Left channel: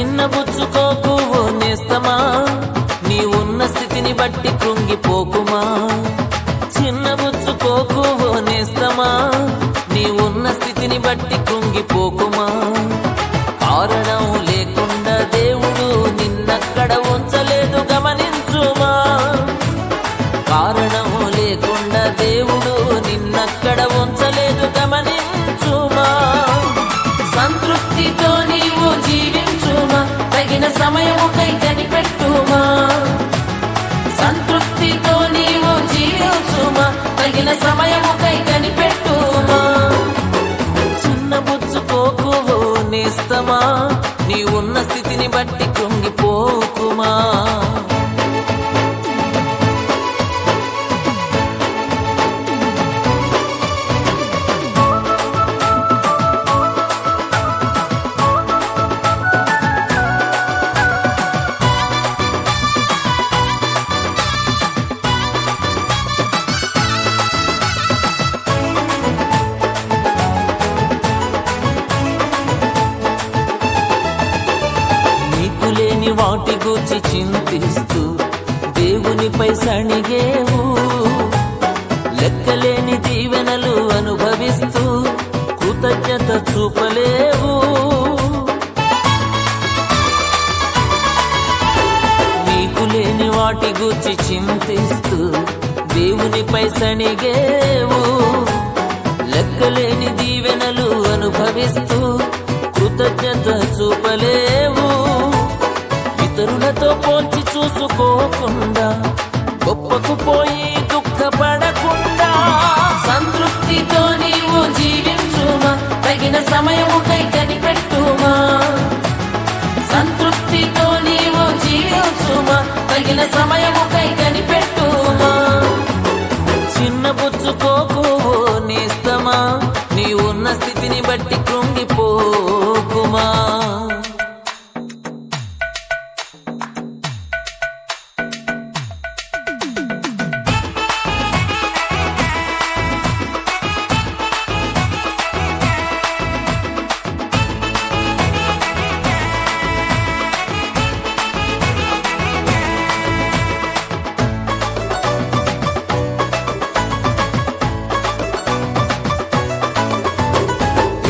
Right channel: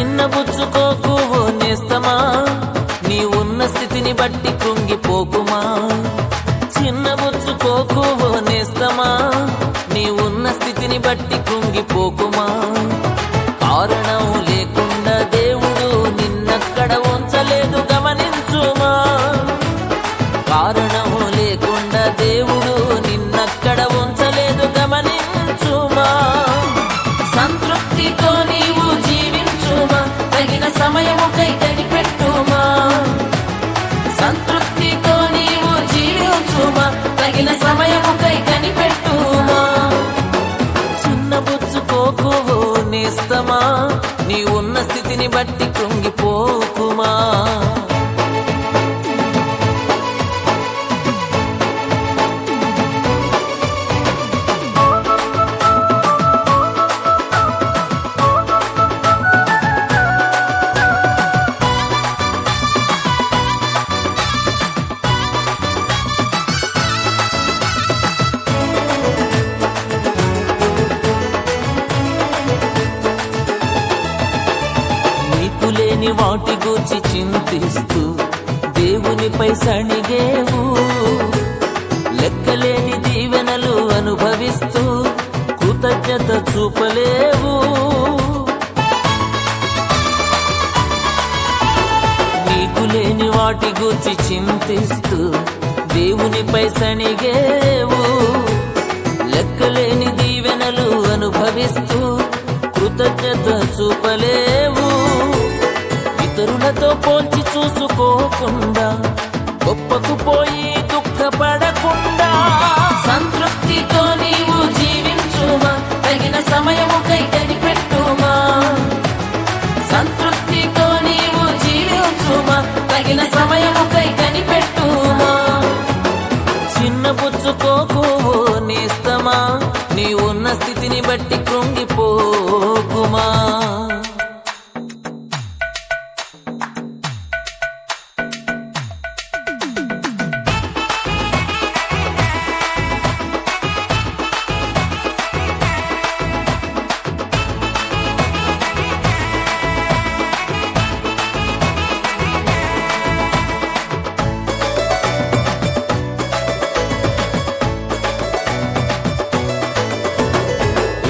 చిన్నబుచ్చుకోకు ఓ నేస్తమా, నీ ఉన్న స్థితిని బట్టి కృంగిపోకుమా. చిన్నబుచ్చుకోకు ఓ నేస్తమా, నీ ఉన్న స్థితిని బట్టి కృంగిపోకుమా. కారణం లేకుండా దేవుడు నిన్నక్కడ ఉంచలేదు గమనించుమా. కారణం లేకుండా దేవుడు నిన్నక్కడ ఉంచలేదు గమనించుమా. సంతృప్తితో నీవు జీవించుమా, తగిన సమయముకై కనిపెట్టుమా. సంతృప్తితో నీవు జీవించుమా, తగిన సమయముకై కనిపెట్టుమా. చిన్నబుచ్చుకోకు ఓ నేస్తమా, నీ ఉన్న స్థితిని బట్టి కృంగిపోకుమా. లేని వాటి గూర్చి చింతిస్తూ దేవునిపై సణిగేవు. లెక్కలేని దీవెనలు అనుభవిస్తూ కృతజ్ఞత చూపలేవు. నీకు లేని వాటి గూర్చి చింతిస్తూ దేవునిపై సణిగేవు. లెక్కలేని దీవెనలు అనుభవిస్తూ కృతజ్ఞత చూపలేవు. ఇతరులతో పోల్చి చూసుకోకుండా గొప్పకు పోయి దుఃఖపడకుండా సంతృప్తితో నీవు జీవించుమా, తగిన సమయముకై కనిపెట్టుమా. సంతృప్తితో నీవు జీవించుమా, తగిన సమయముకై కనిపెట్టుమా. చిన్నబుచ్చుకోకు ఓ నేస్తమా, నీ ఉన్న స్థితిని బట్టి కృంగిపోకుమా.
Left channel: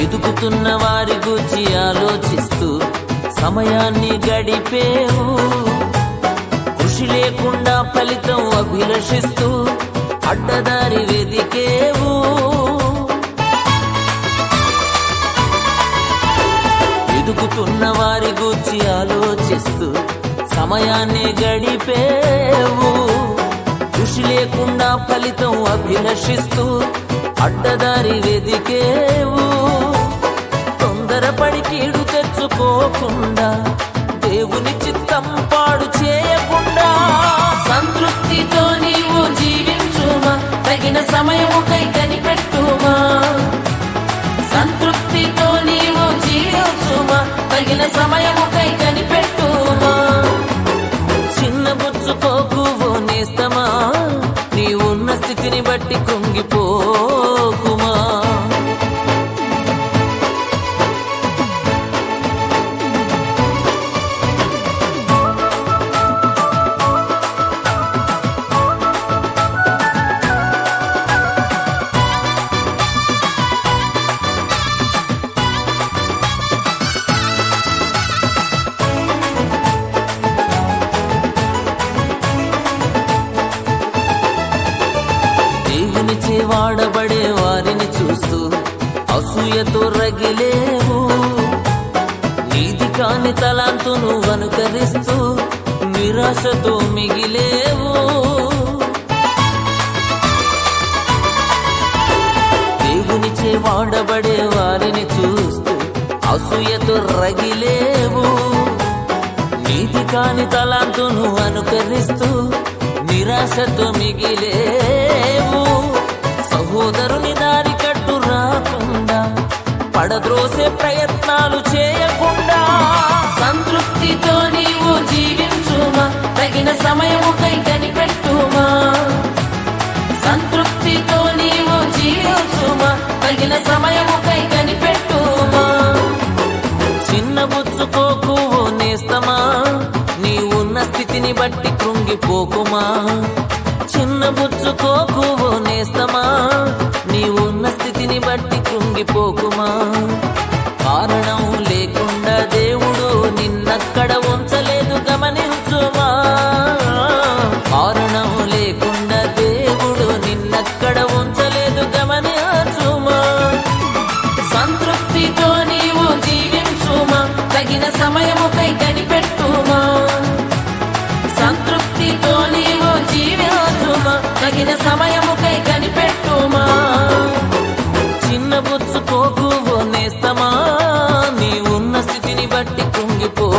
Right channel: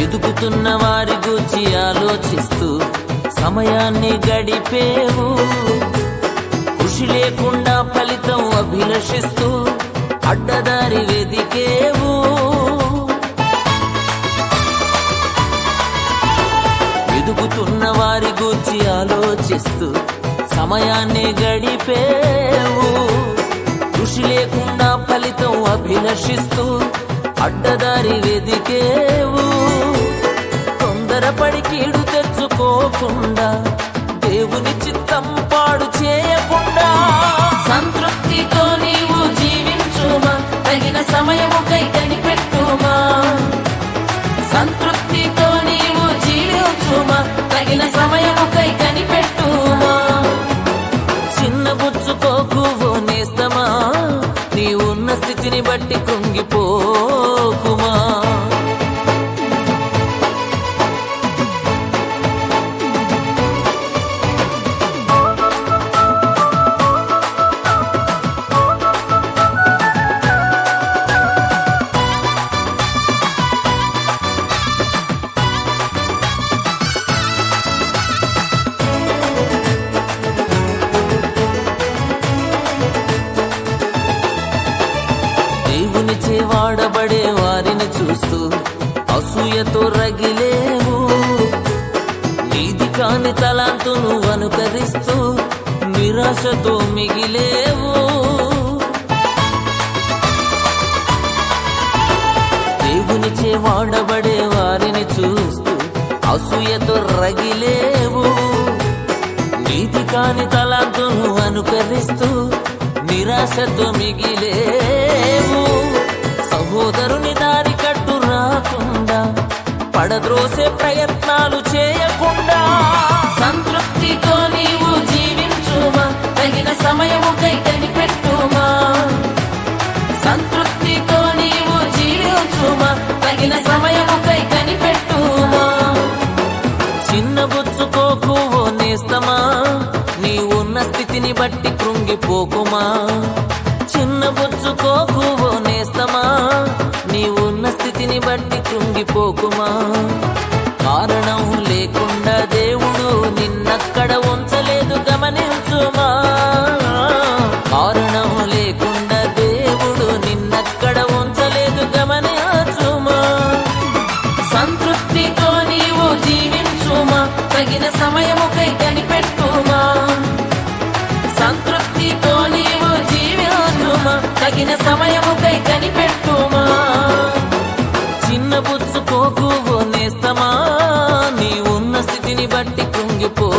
ఎదుగుతున్న వారి గూర్చి ఆలోచిస్తూ సమయాన్ని గడిపేవు. కృషి లేకుండా ఫలితం అభిలషిస్తూ అడ్డదారి వెదికేవు. ఎదుగుతున్న వారి గూర్చి ఆలోచిస్తూ సమయాన్ని గడిపేవు. కృషి లేకుండా ఫలితం అభిలషిస్తూ అడ్డదారి వెదికేవు. తొందరపడి కీడు తెచ్చుకోకుండా దేవుని చిత్తం పాడు చేయకుండా సంతృప్తితో నీవు జీవించుమా, తగిన సమయముకై కనిపెట్టుమా. సంతృప్తితో నీవు జీవించుమా, తగిన సమయముకై కనిపెట్టుమా. చిన్నబుచ్చుకోకు ఓ నేస్తమా, నీ ఉన్న స్థితిని బట్టి కృంగిపోకుమా. దేవునిచే వాడబడే వారిని చూస్తూ అసూయతో రగిలేవు. నీది కాని తలాంతును అనుకరిస్తూ నిరాశతో మిగిలేవు. దేవునిచే వాడబడే వారిని చూస్తూ అసూయతో రగిలేవు. నీది కాని తలాంతును అనుకరిస్తూ నిరాశతో మిగిలేవు. సహోదరుని దారి కట్టు రాకుండా పడద్రోసే ప్రయత్నాలు చేయకుండా సంతృప్తితో నీవు జీవించుమా, తగిన సమయముకై కనిపెట్టుమా. సంతృప్తితో నీవు జీవించుమా, తగిన సమయముకై కనిపెట్టుమా. చిన్నబుచ్చుకోకు ఓ నేస్తమా నీ ఉన్న స్థితిని బట్టి కృంగిపోకుమా చిన్నబుచ్చుకోకు ఓ నేస్తమా నీ ఉన్న స్థితిని బట్టి కృంగిపోకుమా కారణం లేకుండా దేవుడు నిన్నక్కడ ఉంచలేదు గమనించుమా కారణం లేకుండా దేవుడు నిన్నక్కడ ఉంచలేదు గమనించుమా సంతృప్తితో నీవు జీవించుమా తగిన సమయముకై కనిపెట్టుమా సంతృప్తితో నీవు జీవించుమా తగిన సమయముకై కనిపెట్టుమా చిన్నబుచ్చుకోకు ఓ నేస్తమా నీ ఉన్న స్థితిని బట్టి కృంగిపోకుమా